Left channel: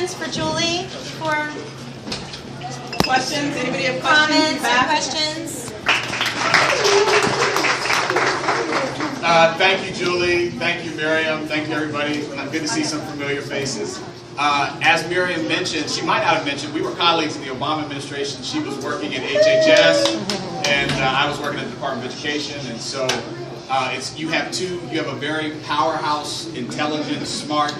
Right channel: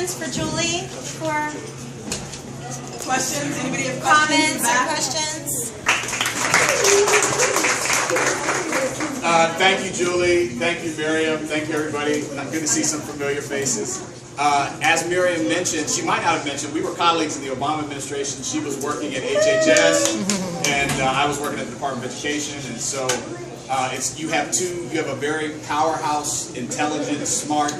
questions for Julie? For questions? Anybody have comments or questions? Thank you, Julie. Thank you, Miriam. Thank you, everybody. Good to see some familiar faces. As Miriam mentioned, she might not have mentioned, we were colleagues in the Obama administration. She was working at HHS, and I was working at the Department of Education. And so you have a very powerhouse, intelligent, smart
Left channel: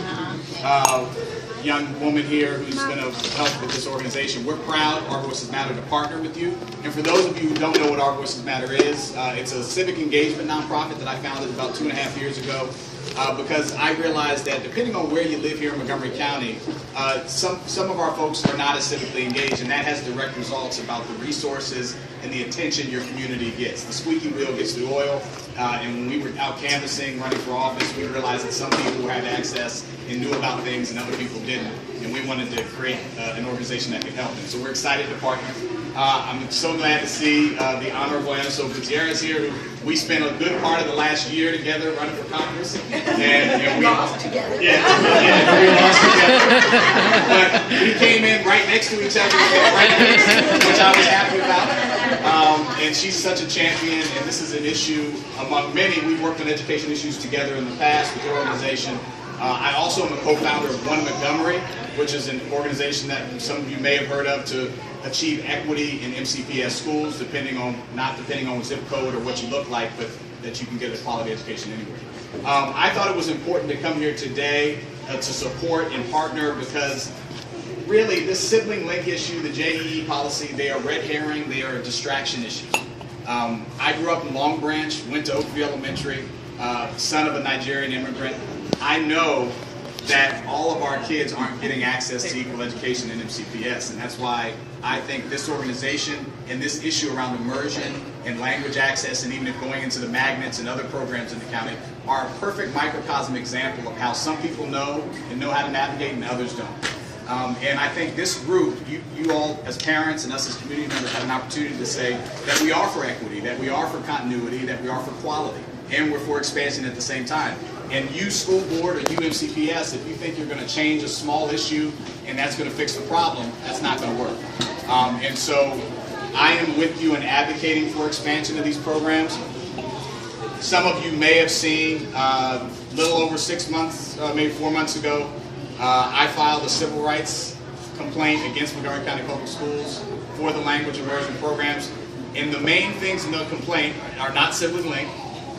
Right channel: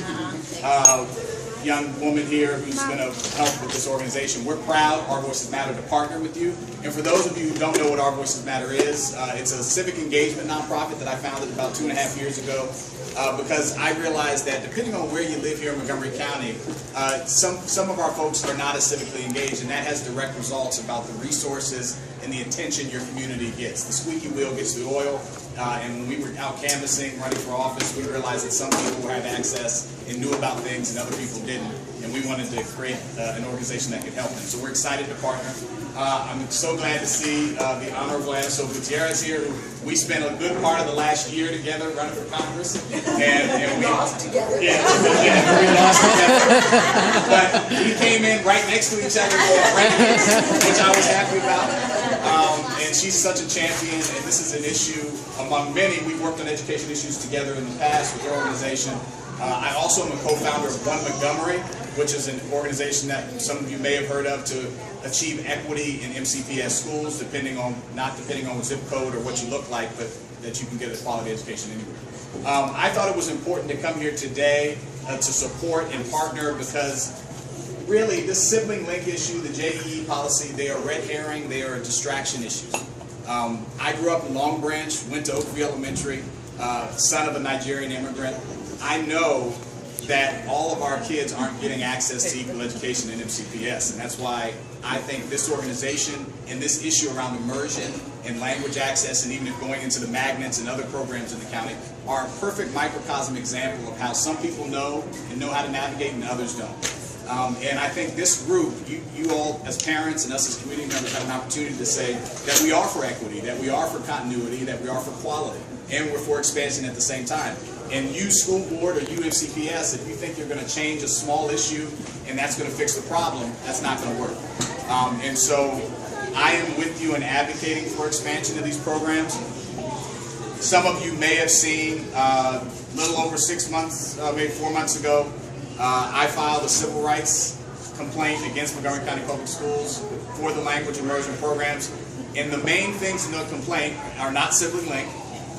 young woman here who's going to help with this organization. We're proud, Our Voices Matter, to partner with you. And for those of you who don't know what Our Voices Matter is, it's a civic engagement nonprofit that I founded about 2.5 years ago because I realized that depending on where you live here in Montgomery County, some of our folks are not as civically engaged, and that has direct results about the resources and the attention your community gets. The squeaky wheel gets the oil, and when we were out canvassing, running for office, we realized that some people had access and knew about things and other people didn't, and we wanted to create an organization that could help them. So we're excited to partner. I'm so glad to see the Honorable Anso Gutierrez here. We spent a good part of the last year together running for Congress, and we lost together. Yeah, we lost together. But we came in right next to each other, which I was happy about. And she's such a champion, and this is an issue among many. We've worked on education issues together in the past with the organization. I also am a co-founder of Montgomery, which is an organization that some of you may have heard of to achieve equity in MCPS schools, not depending on zip code or what you look like, but that you can get a quality education anywhere. I thought it was important to come here today to support and partner because really this sibling link issue, the JEE policy, they are red herring, they are distraction issues. I grew up in Long Branch, went to Oakview Elementary, son of a Nigerian immigrant. I know that all of our kids aren't getting access to equal education in MCPS, and that's why I think this organization and this issue around immersion and language access, and even if going into the magnets and other programs in the county, are a perfect microcosm example of how some people know and know how to navigate and others don't. And I think this group, you all as parents and us as community members have an opportunity to say that we are for equity, that we are for continuity, that we are for quality, and we're for expansion at the same time. And you school board or you MCPS, if you think you're going to change a small issue and that's going to fix the problem, that's not going to work. And so I am with you in advocating for expansion of these programs. Some of you may have seen a little over 6 months, maybe 4 months ago, I filed a civil rights complaint against Montgomery County Public Schools for the language immersion programs. And the main things in the complaint are not sibling linked.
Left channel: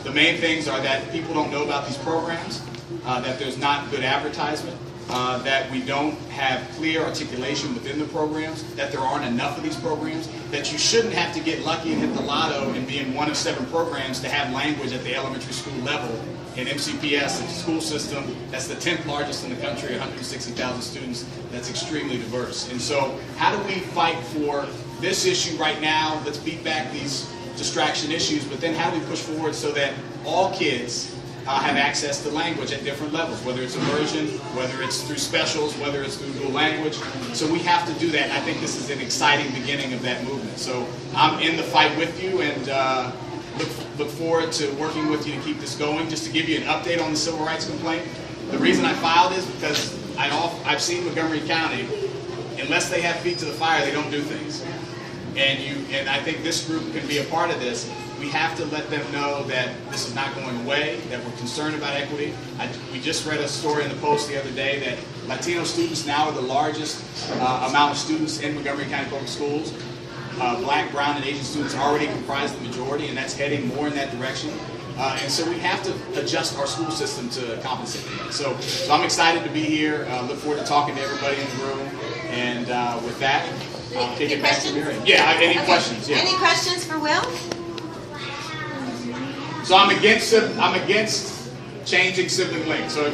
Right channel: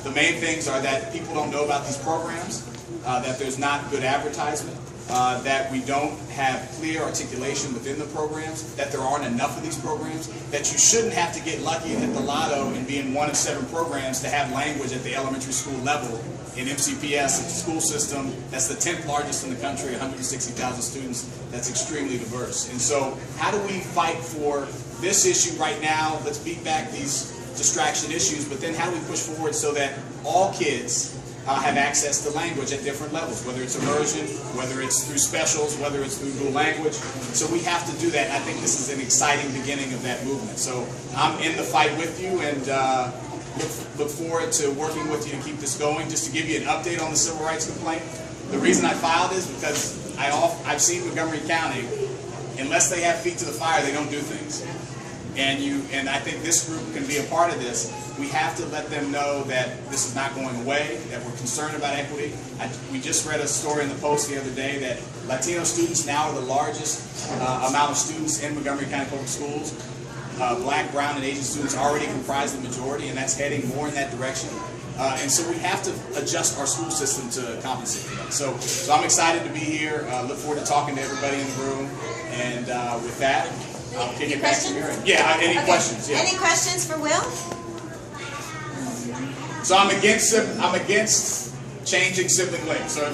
The main things are that people don't know about these programs, that there's not good advertisement, that we don't have clear articulation within the programs, that there aren't enough of these programs, that you shouldn't have to get lucky and hit the lotto and be in one of 7 programs to have language at the elementary school level. In MCPS, it's a school system that's the 10th largest in the country, 160,000 students, that's extremely diverse. And so how do we fight for this issue right now? Let's beat back these distraction issues, but then how do we push forward so that all kids have access to language at different levels, whether it's immersion, whether it's through specials, whether it's through dual language. So we have to do that. I think this is an exciting beginning of that movement. So I'm in the fight with you, and look forward to working with you to keep this going. Just to give you an update on the civil rights complaint, the reason I filed is because I've seen Montgomery County, unless they have feet to the fire, they don't do things. And I think this group can be a part of this. We have to let them know that this is not going away, that we're concerned about equity. We just read a story in the Post the other day that Latino students now are the largest amount of students in Montgomery County Public Schools. Black, brown, and Asian students already comprise the majority, and that's heading more in that direction. And so we have to adjust our school system to compensate for that. So I'm excited to be here. Look forward to talking to everybody in the room. And with that, I'll kick it back to Miriam. Yeah, any questions? Yeah. Any questions for Will? So I'm against changing sibling links. So